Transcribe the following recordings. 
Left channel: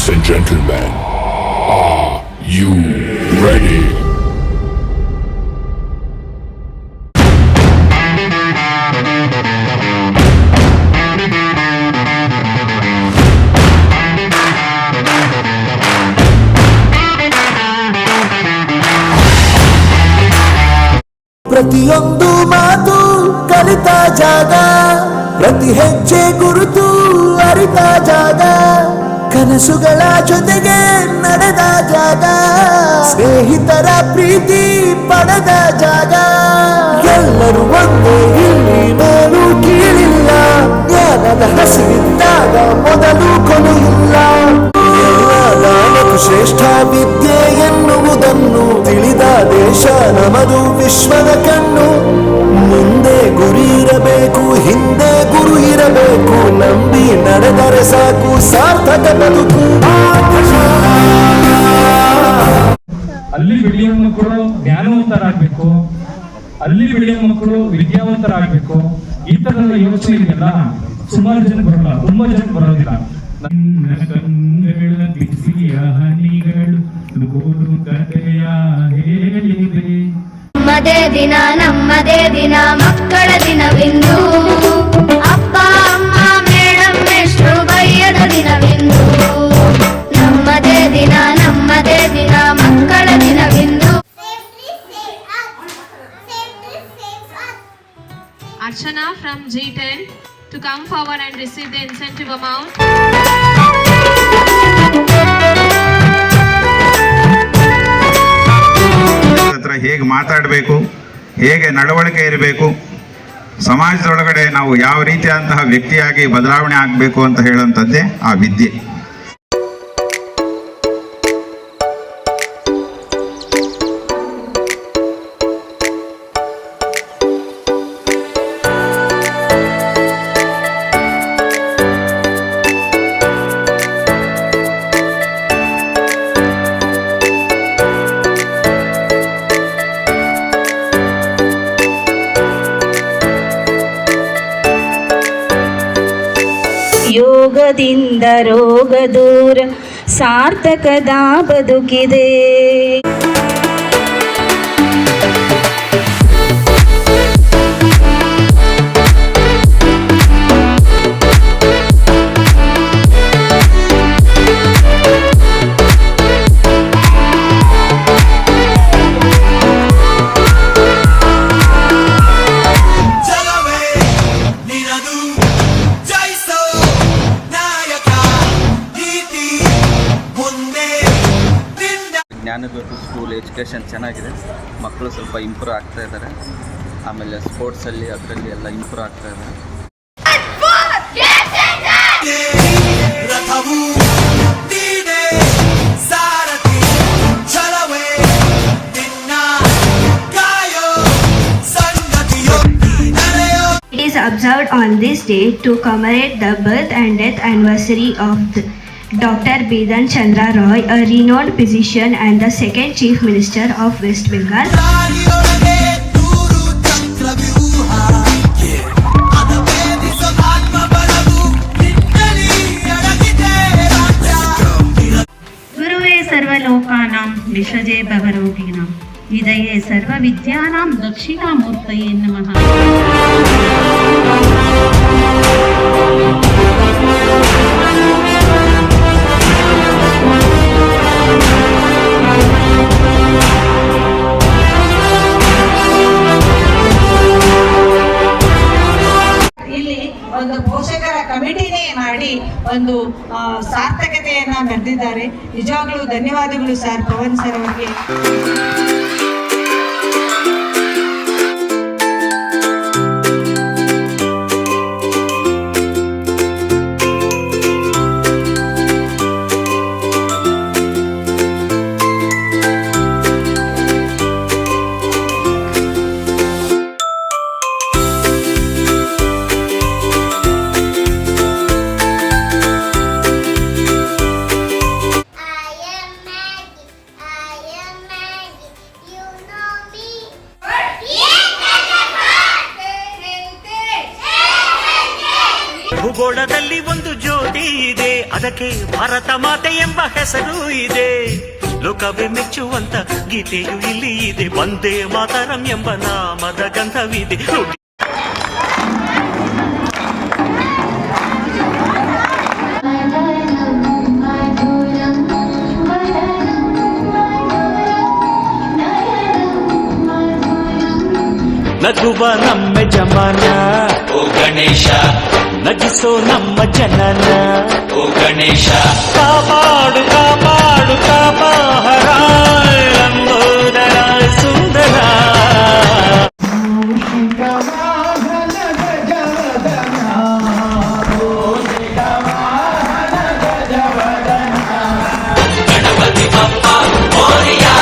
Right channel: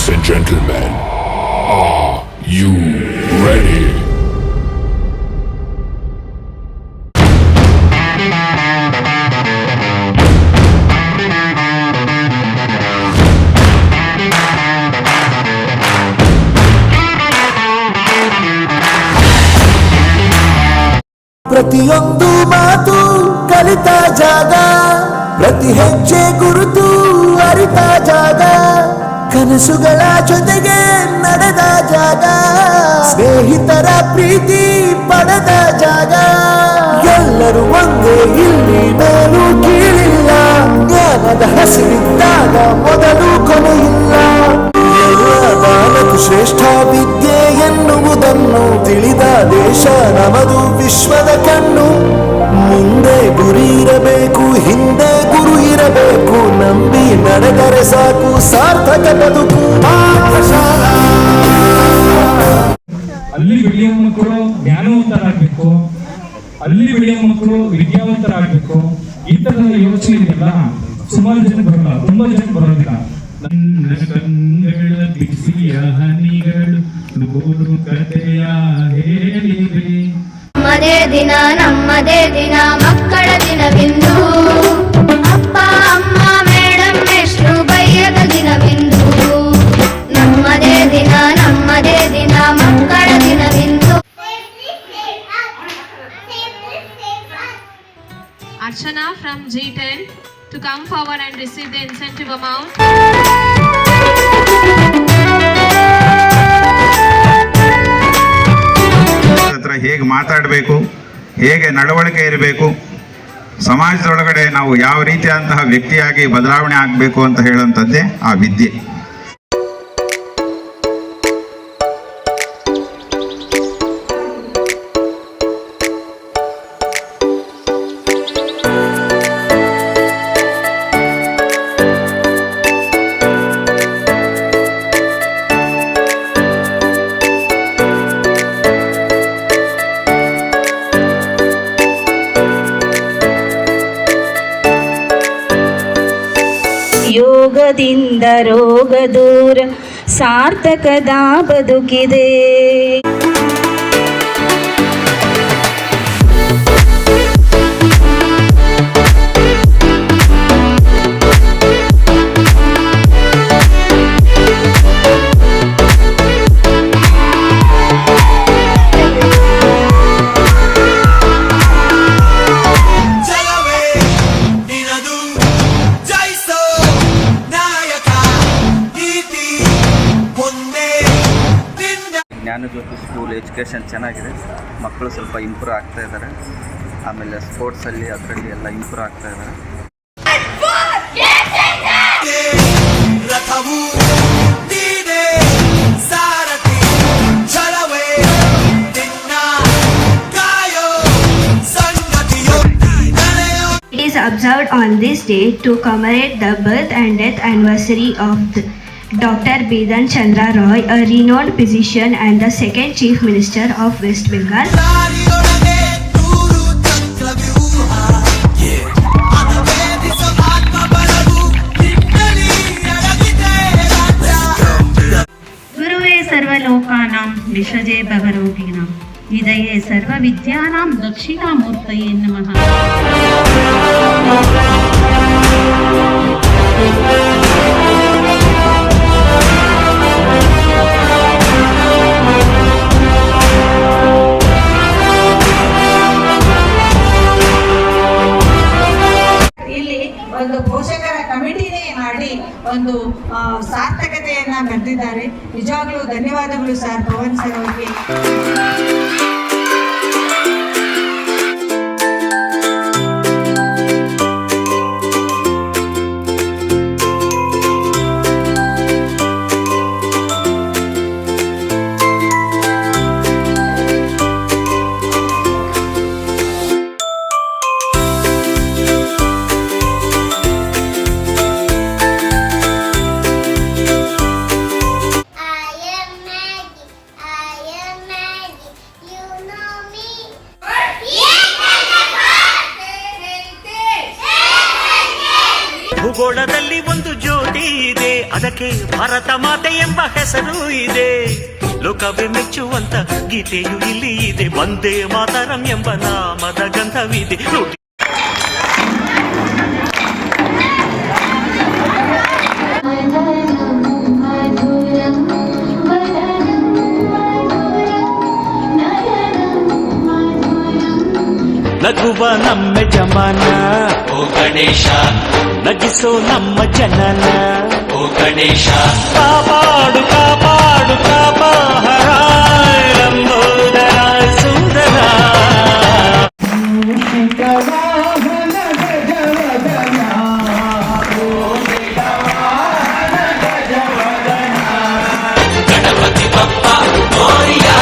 Ladies and gentlemen, are you ready? ಪ್ರತಿಯೊಂದು ಮಾತು ಕಲಿತ ಜಾಗ, ಪ್ರತಿ ಹೆಜ್ಜೆ ಗುರುತು ಅರಿತ ಜಾಗ, ಕನಸುಗಳ ಜೊತೆಗೆ ನಡೆದ ಜಾಗ, ಸ್ನೇಹಿತರ ಪ್ರೀತಿ ಪಡೆದ ಜಾಗ. ಎಲ್ಲರೂ ಒಂದೇ, ಇಲ್ಲಿ ಮೇಲೂ ಕೀಳಿಲ್ಲ, ಜ್ಞಾನದ ಹಸಿವಿದ್ದಾಗ ಮೊದಲು ಕೊನೆಯಿಲ್ಲ. ದಾನಕು ಶ್ರೇಷ್ಠ ವಿದ್ಯೆ ಎನ್ನುವುದನ್ನು ತಿಳಿದ ದೇಶ ನಮದು ವಿಶ್ವದ ಕಣ್ಣು. ಮುಂದೆ ಗುರಿ ಇರಬೇಕು, ಹಿಂದೆ ಗುರು ಇರಬೇಕು, ನಂಬಿ ನಡೆದರೆ ಸಾಕು ಸಾರ್ಥಕ ಬದುಕು. ಅಲ್ಲಿ ಬೆಳೆಯುವ ಮಕ್ಕಳು ಜ್ಞಾನವಂತರಾಗಬೇಕು, ಅಲ್ಲಿ ಬೆಳೆಯುವ ಮಕ್ಕಳು ವಿದ್ಯಾವಂತರಾಗಬೇಕು. ಈ ತರದ ಯೋಚನೆ ಇದೆಯಲ್ಲ ಸುಮಾರು ಜನ ಬರೋಲ್ಲ, ತುಂಬಾ ಜನ ಬರೋದಿಲ್ಲ. ನನ್ನ ಕಂಗಳ ಬಿಸಿಯ ಹನಿಗಳು ನೂರು ಕಥೆಯ ಹೇಳಿವೆ. ನಮ್ಮದೇ ದಿನ ನಮ್ಮದೇ ದಿನ ಮಕ್ಕಳ ದಿನವೆಂದು, ಅಪ್ಪ ಅಮ್ಮ ಮೇಡಂ ಎಷ್ಟು ಬಯ್ಯದ ದಿನವೆಂದು. ನಮ್ಮದೇ ದಿನ ನಮ್ಮದೇ ದಿನ ಮಕ್ಕಳ ದಿನವೆಂದು. Archana from G10 to come forward and receive the incentive amount. ಹೇಗೆ ಮಾತಾಡಬೇಕು, ಹೇಗೆ ನಡವಳಿಕೆ ಇರಬೇಕು, ಸಮಾಜದೊಳಗಡೆ ನಾವು ಯಾವ ರೀತಿಯಾದಂತಹ ವ್ಯಕ್ತಿಯಾಗಿ ಬದಲಾವಣೆ ಆಗಬೇಕು ಅಂತ ಹೇಳುವಂಥದ್ದೇ ಆ ವಿದ್ಯೆ. ಯೋಗದಿಂದ ರೋಗ ದೂರ ಸಾರ್ಥಕದ ಬದುಕಿದೆ. ಜ್ಞಾನಜ್ಯೋತಿ ಸ್ಕೂಲ್ ಎಜುಕೇಷನ್ ಚೆನ್ನಾಗಿದೆ, ಮಕ್ಕಳು ಸ್ವಲ್ಪ ಇಂಪ್ರೂವ್ ಆಗ್ತಾ ಇದ್ದಾರೆ. ಆಮೇಲೆ ಸ್ಪೋರ್ಟ್ಸಲ್ಲಿ ಅದರಲ್ಲಿ ಎಲ್ಲ ಇಂಪ್ರೂವ್ ಆಗ್ತಾ ಇದ್ದಾರೆ. It is observed on this day to commemorate the birth and death anniversary of Dr. Bidan Chandra Roy, a renowned physician and the second Chief Minister of West Bengal. ಗುರುವೇ ಸರ್ವಲೋಕಾನಾಂ ವಿಷಜೇ ಭವರೋಗಿಣಾಂ ವಿದಯೇ ಸರ್ವವಿದ್ಯಾನಾಂ ದಕ್ಷಿಣಾಮೂರ್ತಯೇ ನಮಃ. ಒಂದು ಪೋಷಕರ ಕಮಿಟಿನೇ ಮಾಡಿ ಒಂದು ಸಾರ್ಥಕತೆಯನ್ನ ಮೆರೆದಿದ್ದಾರೆ. ನಿಜವಾಗ್ಲೂ ಧನ್ಯವಾದಗಳು ಸರ್, ಪವನ್ ಸರ್ ಅವರಿಗೆ. ಭಾರತಕ್ಕೆ ಭಾರತ ಮಾತೆ ಎಂಬ ಹೆಸರು ಇದೆ. ಲೋಕವೇ ಮೆಚ್ಚುವಂತ ಗೀತೆಯು ಇಲ್ಲಿ ಇದೆ. ವಂದೇ ಮಾತರಂ ಎಂಬ ನಾಮದ ಗಂಧವಿದೆ. ನಗುವ ನಮ್ಮ ಜಮಾನ ಓ ಗಣೇಶ, ನಗಿಸೋ ನಮ್ಮ ಜನನ ಓ ಗಣೇಶ. ಕಾಪಾಡು ಕಾಪಾಡು ಕಾಪಾಹರಾಯ ಲಂಬೋದರ ಸುಂದರ. ಗಣಪತಿ ಬಪ್ಪ ಮೋರಿಯಾ,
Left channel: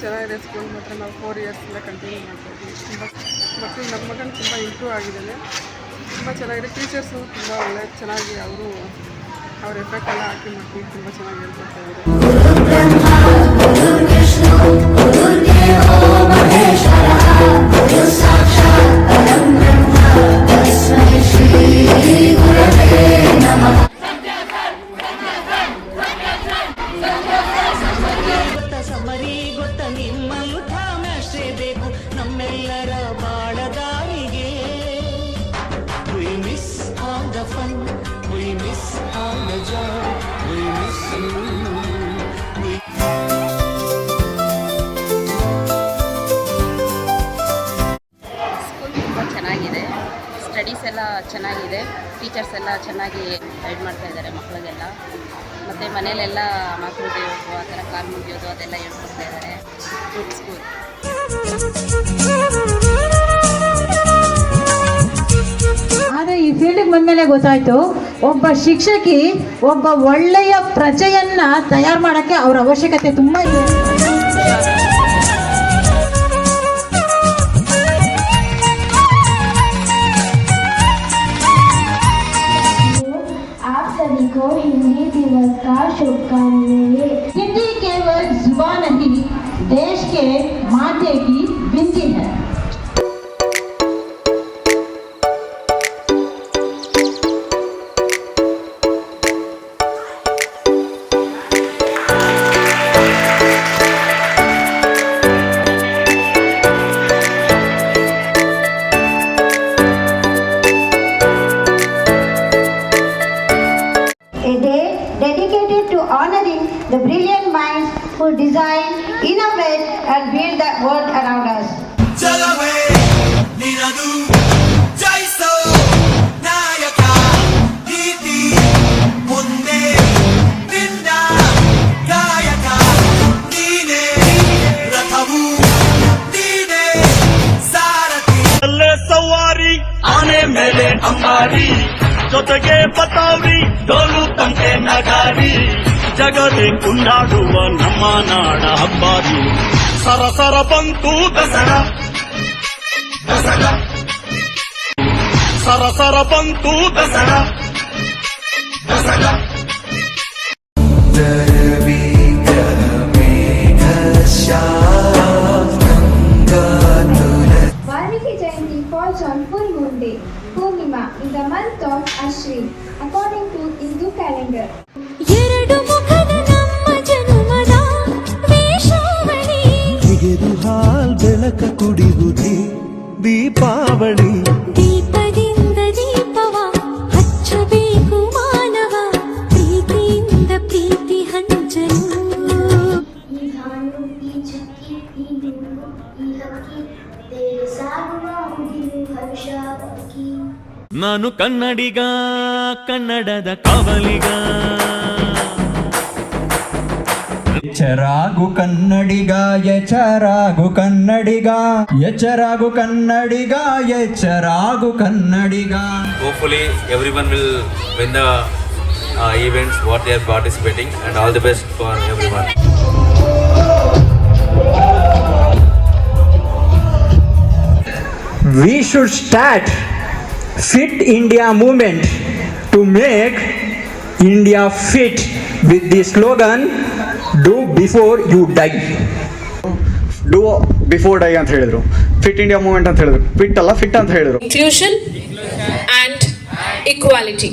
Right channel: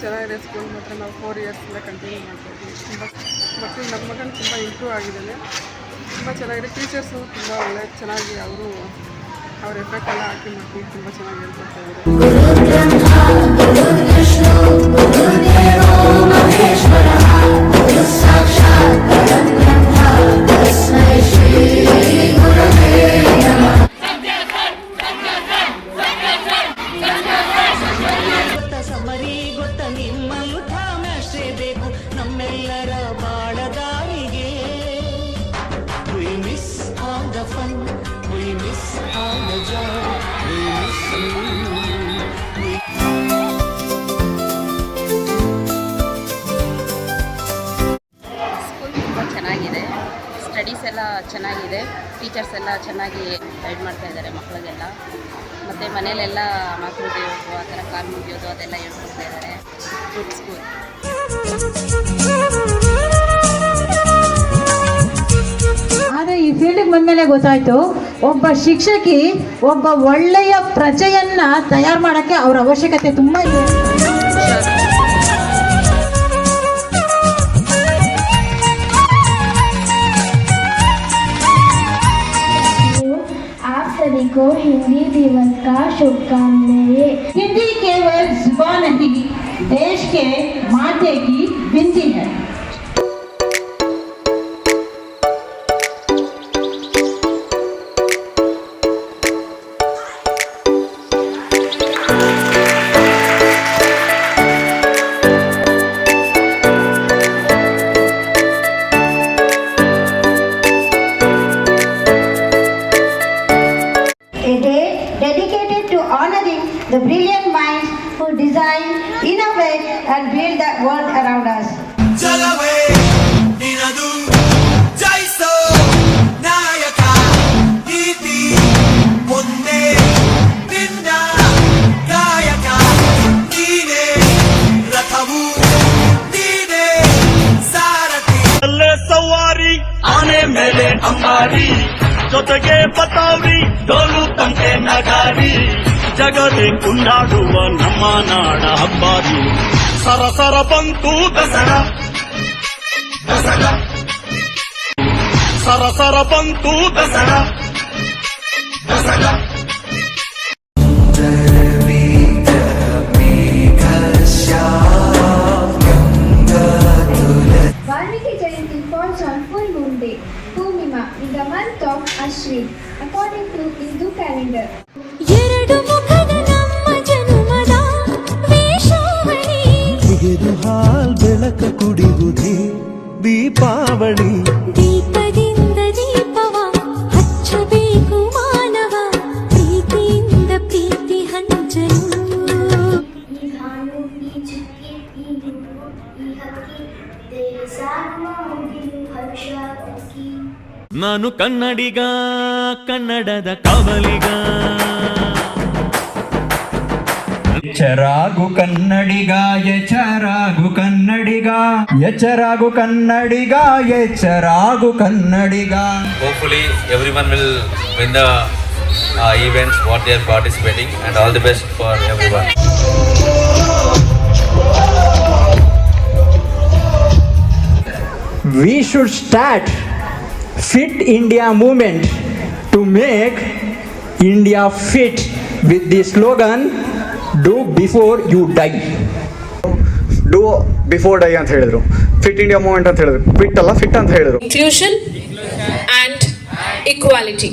ಚೆನ್ನಾಗಿದೆ ಸ್ಕೂಲ್. ಮಾತ್ರ ನಾವು 4 ಇಯರ್ಸಿಂದ ಕಂಟಿನ್ಯೂ ಮಾಡ್ತಾಯಿದ್ವಿ. ತುಂಬ ಮಕ್ಕಳು ನಮ್ಮ ಮಗನ ತುಂಬ ಇಂಪ್ರೂವ್ ಆಗಿದ್ದಾನೆ. ತುಂಬ ಚೆನ್ನಾಗಿದೆ. ಟೀಚರ್ಸು ತುಂಬ ಒಳ್ಳೆ ಚೆನ್ನಾಗಿ ಅವರು ಅವ್ರ ಎಫೆಕ್ಟ್ ಎಲ್ಲ ಹಾಕಿ ಮಕ್ಕಳಿಗೆ ತುಂಬ ಚೆನ್ನಾಗಿ ಹೇಳ್ಕೊಡ್ತಾ ಸಮರಿ ಗೊತ್ತ ನಿಮ್ಮಲ್ಲೂ ಧಾಮ್ಯಾಶ್ರೇ ಬೇಕು ನಮ್ಮೆಲ್ಲರ ಬಾಳದಾರಿಗೆ. We miss all the fun, we miss all the joy, we miss you. School ತುಂಬ ಚೆನ್ನಾಗಿದೆ. ಸ್ಟಡೀಸ್ ಎಲ್ಲ ಚೆನ್ನಾಗಿದೆ. ಟೀಚರ್ಸ್ ಎಲ್ಲ ಚೆನ್ನಾಗಿ ಗೈಡ್ ಮಾಡ್ತಾ ಇದ್ದಾರೆ ಮಕ್ಕಳಿಗೆಲ್ಲ. ಮತ್ತು ಮನೇಲೆಲ್ಲ ಮಾತೃ ದೇವರು ಆ ಥರ ಕಾಲು ಮುಗಿಯೋದು ಅದೆಲ್ಲ ಹೇಳ್ಕೊಡ್ತಾ ಇದ್ದಾರೆ. Good school. ಆದರೆ ಈ ಫೀಲ್ಡಿಗೆ ಬಂದಮೇಲೆ ಗೊತ್ತಾಯಿತು, ಒಬ್ಬ ಶಿಕ್ಷಕಿ ಒಬ್ಬ ಒಳ್ಳೆಯ ಪ್ರಜೆಯನ್ನು ತಯಾರು ಮಾಡೋಕ್ಕೆ ಅವರ ಅವಶ್ಯಕತೆ ತುಂಬ ಇದೆ. को हिंदी दिवस का शुभकामनाएं। हिंदी केवल जुबान नहीं, देश के माथे की बिंदी है. A day dedicated to honoring the brilliant minds who design, innovate and build the world around us. ಜಲವೇ ನಿನದು ಜಯಿಸೋ ನಾಯಕ, ನೀತಿ ಒಂದೇ ನಿನ್ನ ಕಾಯಕ. ನೀನೇ ರಥವು, ನೀನೇ ಸಾರಥಿ. ಅಲ್ಲೇ ಸವಾರಿ ಆನೆ ಮೇಲೆ ಅಂಬಾರಿ, ಜೊತೆಗೆ ಪತಾವಿ ಡೋಲು ತಂಟೆ ನಗಾರಿ. ಜಗದೇ ಕುಂಡಾಡುವ ನಮ್ಮ ನಾಡ ಹಬ್ಬಾರಿ. ಸರಸರ ಬಂತು ದಸರಾ ದಸರಾ, ಸರಸರ ಬಂತು Dasara Dasara. Valmiki Jayanti falls on full moon day, Purnima, in the month of Ashwin, according to Hindu calendar. ಎರಡು ಮುಖದ ನಮ್ಮ ಜನುಮದ ವೇಷಾವಳಿ, ತೆಗೆದು ಹಾಲ್ ಬೆಳಕ ಕುಡಿಯುವುದೇ ದೀಪಾವಳಿ. ದೀಪದಿಂದ ದೀಪವ ಹಚ್ಚಬೇಕು ಮಾನವ, ಪ್ರೀತಿಯಿಂದ ಪ್ರೀತಿ ಹಂಚಲು. ನಾನು ಕನ್ನಡಿಗ, ಕನ್ನಡದ ಕಾವಲಿಗ. ಎಚ್ಚರಾಗು ಕನ್ನಡಿಗ, ಎಚ್ಚರಾಗು ಕನ್ನಡಿಗ, ಎಚ್ಚರಾಗು ಕನ್ನಡಿಗ, ಎಚ್ಚರಾಗು ಕನ್ನಡಿಗ. Hopefully everyone will win the events what they are participating, and all the best for everyone. We should start Fit India movement to make India fit with the slogan Do before you die. Do before die ಅಂತ ಹೇಳಿದ್ರು. Fit India movement ಅಂತ ಹೇಳಿದ್ರು. Fit ಅಲ್ಲ, fit ಅಂತ ಹೇಳಿದ್ರು. Inclusion and equality.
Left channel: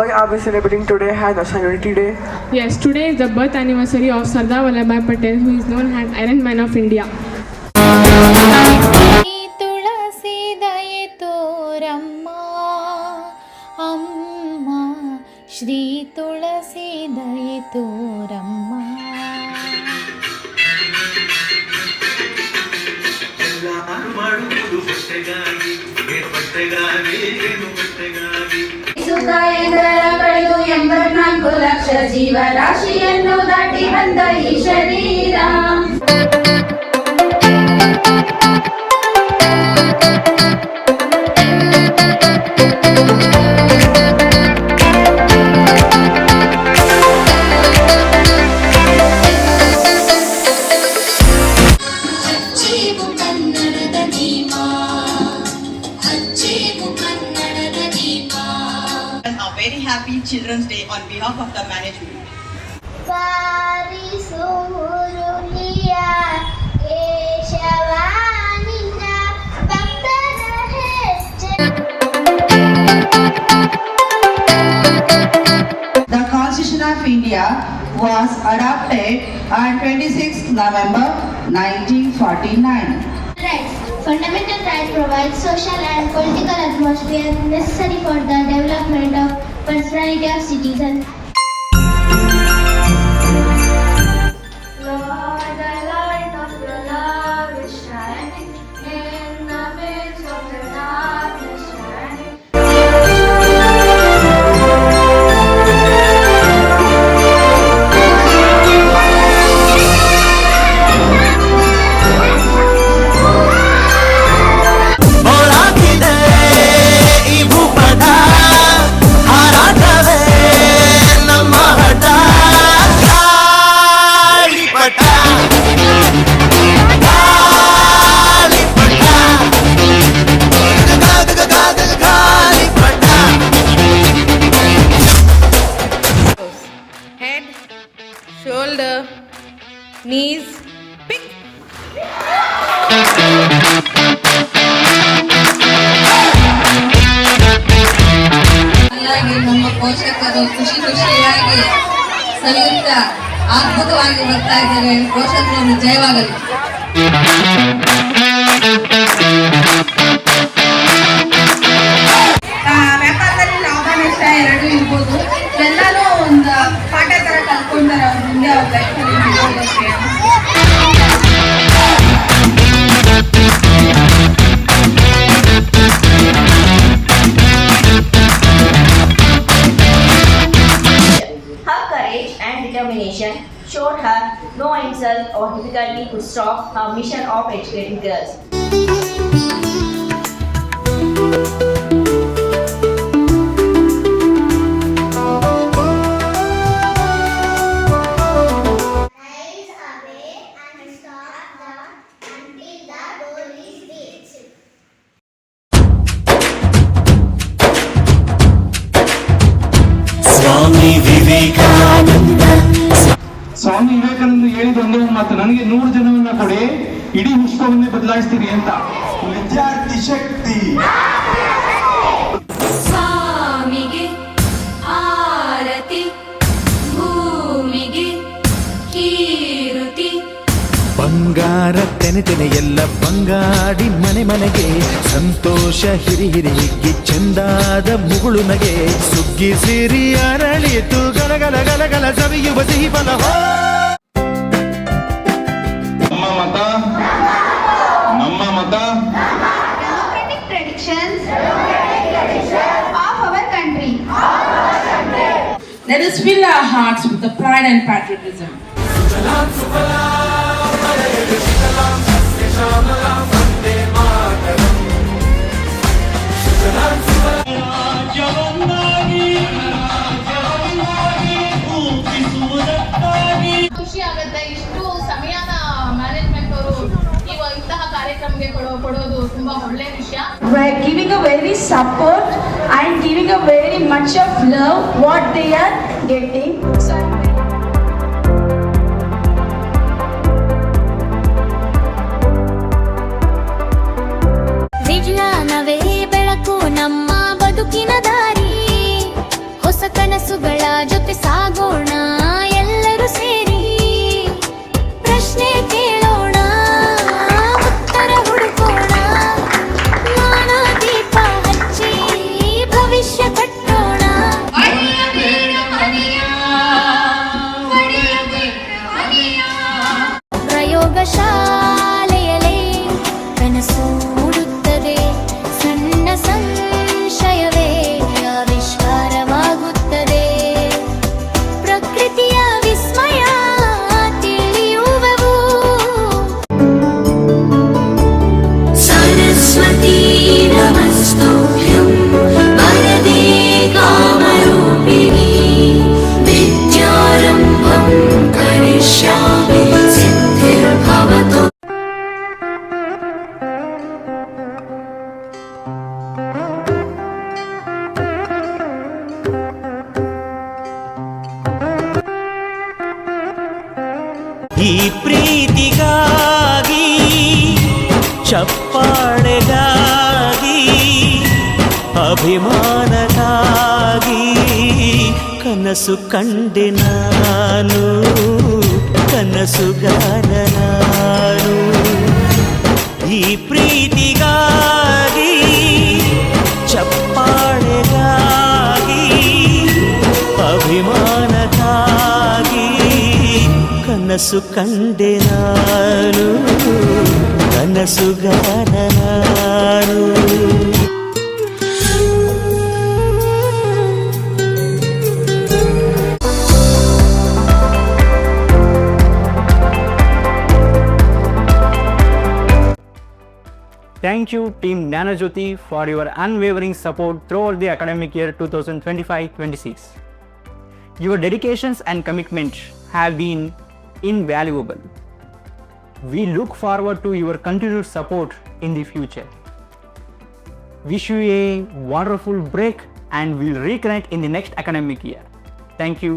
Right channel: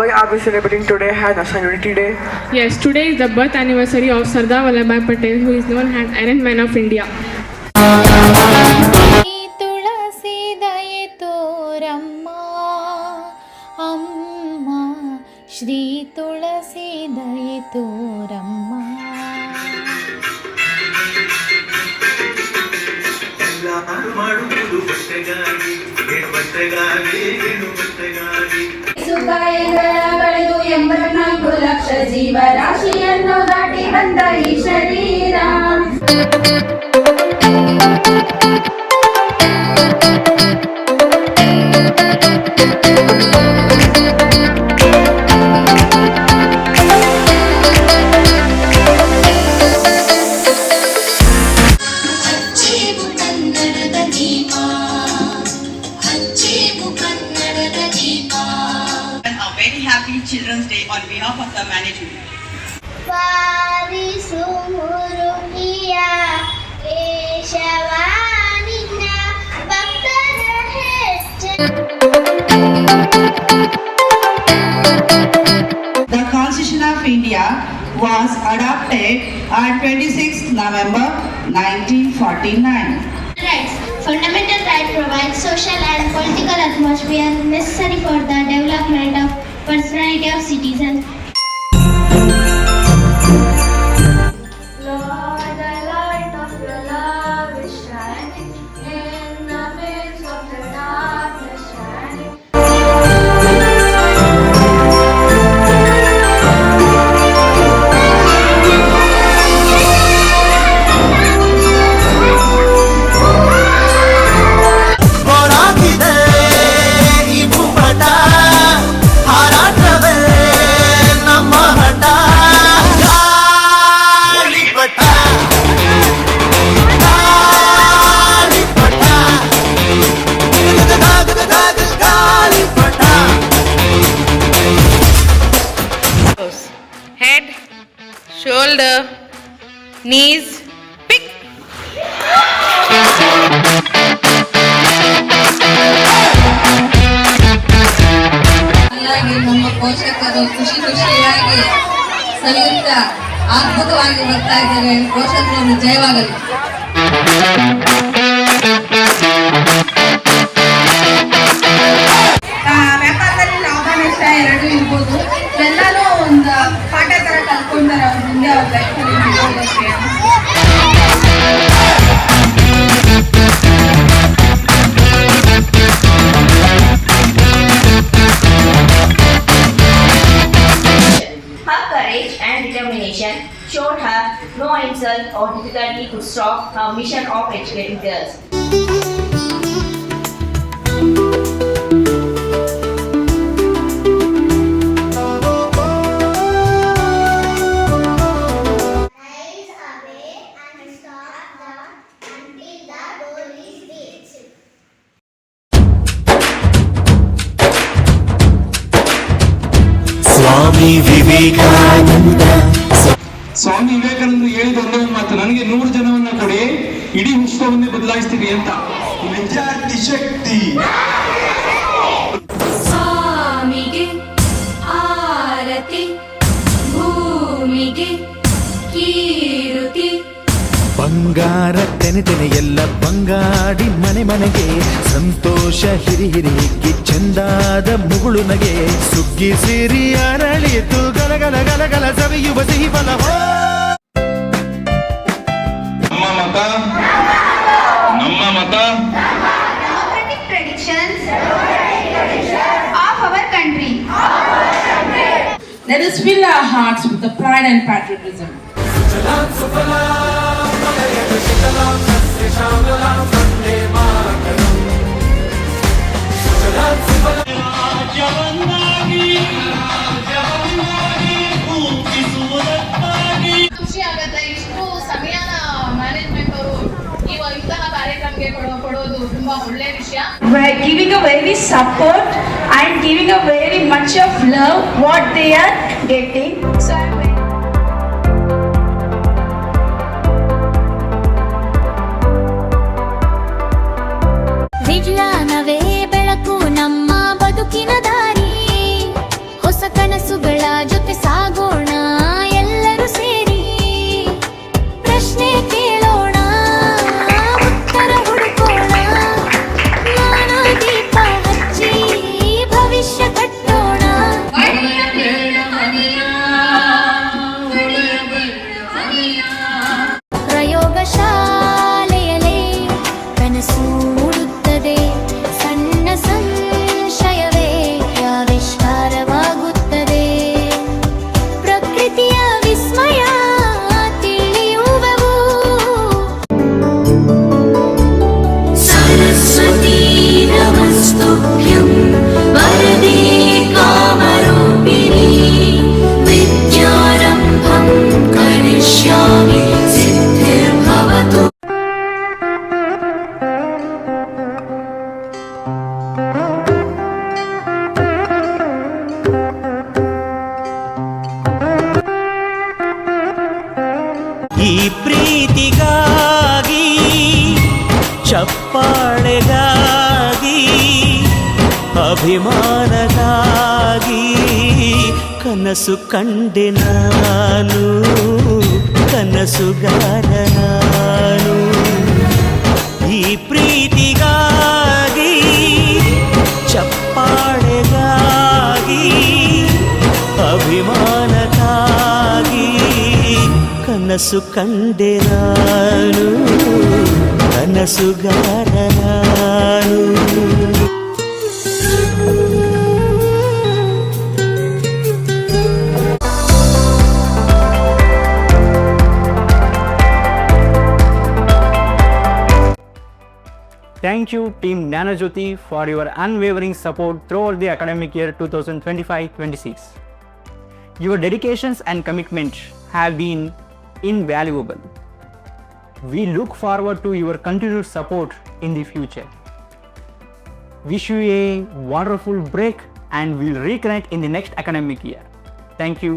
Why are we celebrating today as National Unity Day? Yes, today is the birth anniversary of Sardar Vallabhbhai Patel, who is known as Iron Man of India. ತುಳಸಿ ದಯೆ ತೋರಮ್ಮ ಅಮ್ಮ, ಶ್ರೀ ತುಳಸಿ ದಯೆ ತೋರಮ್ಮ. ಬೆಳೆದು 84 ಲಕ್ಷ ಜೀವರಾಶಿಯನ್ನು ದಾಟಿ ಬಂದ ಈ ಶರೀರ. Very happy Children's Day on behalf of the management. The Constitution of India was adopted on 26th November 1949. Rights. Fundamental right provides social and political atmosphere necessary for the development of personality of citizens. Lord, the light of your love is shining in the midst of the darkness shining. Head, shoulder, knees, pick. ನಮ್ಮ ಪೋಷಕರು ಖುಷಿಯಾಗಿ ಸಲುತ್ತಾ ಅದ್ಭುತವಾಗಿ ಬರ್ತಾ ಇದ್ದಾರೆ. ಪೋಷಕರನ್ನು ಜಯವಾಗಲಿ. ವ್ಯಾಪಾರದಲ್ಲಿ ಲಾಭ ನಷ್ಟ ಎರಡು ಇರ್ಬೋದು. ಎಲ್ಲರೂ ಒಂದು ಪಾಠ ತರ ಕಲ್ತ್ಕೊಂಡಾರೆ ಅವ್ರ ಮುಂದೆ ಅವ್ರ ಲೈಫಲ್ಲಿ ನಡೆಯೋದಕ್ಕೆ. Her courage and determination showed her no insult or difficulty to stop her mission of educating girls. Swami Vivekananda ಹೇಳಿದ ಒಂದೇ ಮಾತು, ನನಗೆ 100 ಜನವನ್ನ ಕೊಡಿ, ಇಡೀ ವಿಶ್ವವನ್ನೇ ಬದಲಾಯಿಸ್ತೀವಿ ಅಂತ. ವಿದ್ಯಾರ್ಥಿ ಶಕ್ತಿ. ಸ್ವಾಮಿಗೆ ಆರತಿ, ಭೂಮಿಗೆ ಕೀರುತಿ. ಬಂಗಾರ ತೆನೆ ತೆನೆ ಎಲ್ಲ ಬಂಗಾಡಿ ಮನೆ ಮನೆಗೆ ಸಂತೋಷ ಹಿರಿ ಹಿರಿ ಹಿಗ್ಗಿ ಚಂದಾದ ಮುಗುಳು ನಗೆ ಸುಗ್ಗಿ ಸಿರಿ ಅರಳಿತು ಗಲಗಲ ಗಲಗಲ ಸವಿಯುವ ಸಿಹಿ ಫಲ. ನಮ್ಮ ಮತ Democratic traditions of our country. Let us fill our hearts with the pride and patriotism. ಖುಷಿ ಆಗುತ್ತೆ. ಇಷ್ಟು ಸಮಯನ ಮ್ಯಾನೇಜ್ಮೆಂಟ್ ಅವರು ಇಂತಹ ಕಾರ್ಯಕ್ರಮಕ್ಕೆ ಕೊಡೋದು ತುಂಬಾ ಒಳ್ಳೆ ವಿಷಯ. Giving a very support and giving a very much of love what they are getting. So ವಿಜ್ಞಾನವೇ ಬೆಳಕು ನಮ್ಮ ಬದುಕಿನ ದಾರಿ, ಹೊಸ ಕನಸುಗಳ ಜೊತೆ ಸಾಗೋಣ ಎಲ್ಲರೂ ಸೇರಿ. ಪ್ರಶ್ನೆ ಕೇಳೋಣ, ಉತ್ತರ ಹುಡುಕೋಣ, ಜ್ಞಾನ ದೀಪ ಹಚ್ಚಿ ಭವಿಷ್ಯ ಕಟ್ಟೋಣ. ಪ್ರಯೋಗಶಾಲೆಯಲೇ ಕನಸು ಮೂಡುತ್ತದೆ, ಸಣ್ಣ ಸಂಶಯವೇ ಆವಿಷ್ಕಾರವಾಗುತ್ತದೆ. ಪ್ರಕೃತಿಯ ವಿಸ್ಮಯ ತಿಳಿಯುವೆವು. ಸರಸ್ವತೀ ನಮಸ್ತುಭ್ಯಂ ವರದೇ ಕಾಮರೂಪಿಣಿ, ವಿದ್ಯಾರಂಭಂ ಕರಿಷ್ಯಾಮಿ ಸಿದ್ಧಿರ್ಭವತು. ಈ ಪ್ರೀತಿಗಾಗಿ, ಚಪ್ಪಾಳೆಗಾಗಿ, ಅಭಿಮಾನಕ್ಕಾಗಿ ಕನಸು ಕಂಡೆ ನಾನು, ಕನಸುಗಾರ ನಾನು. ಈ ಪ್ರೀತಿಗಾಗಿ, ಚಪ್ಪಾಳೆಗಾಗಿ, ಅಭಿಮಾನಕ್ಕಾಗಿ ಕನಸು ಕಂಡೆ ನಾನು, ಕನಸುಗಾರ ನಾನು. Thank you, Team Nanojyoti, for your unwavering support throughout the academic year 2025-26. Your dedications and commitment have been invaluable. We look forward to your continued support in the future. Wish you a wonderful break and we'll reconnect in the next academic year. Thank you.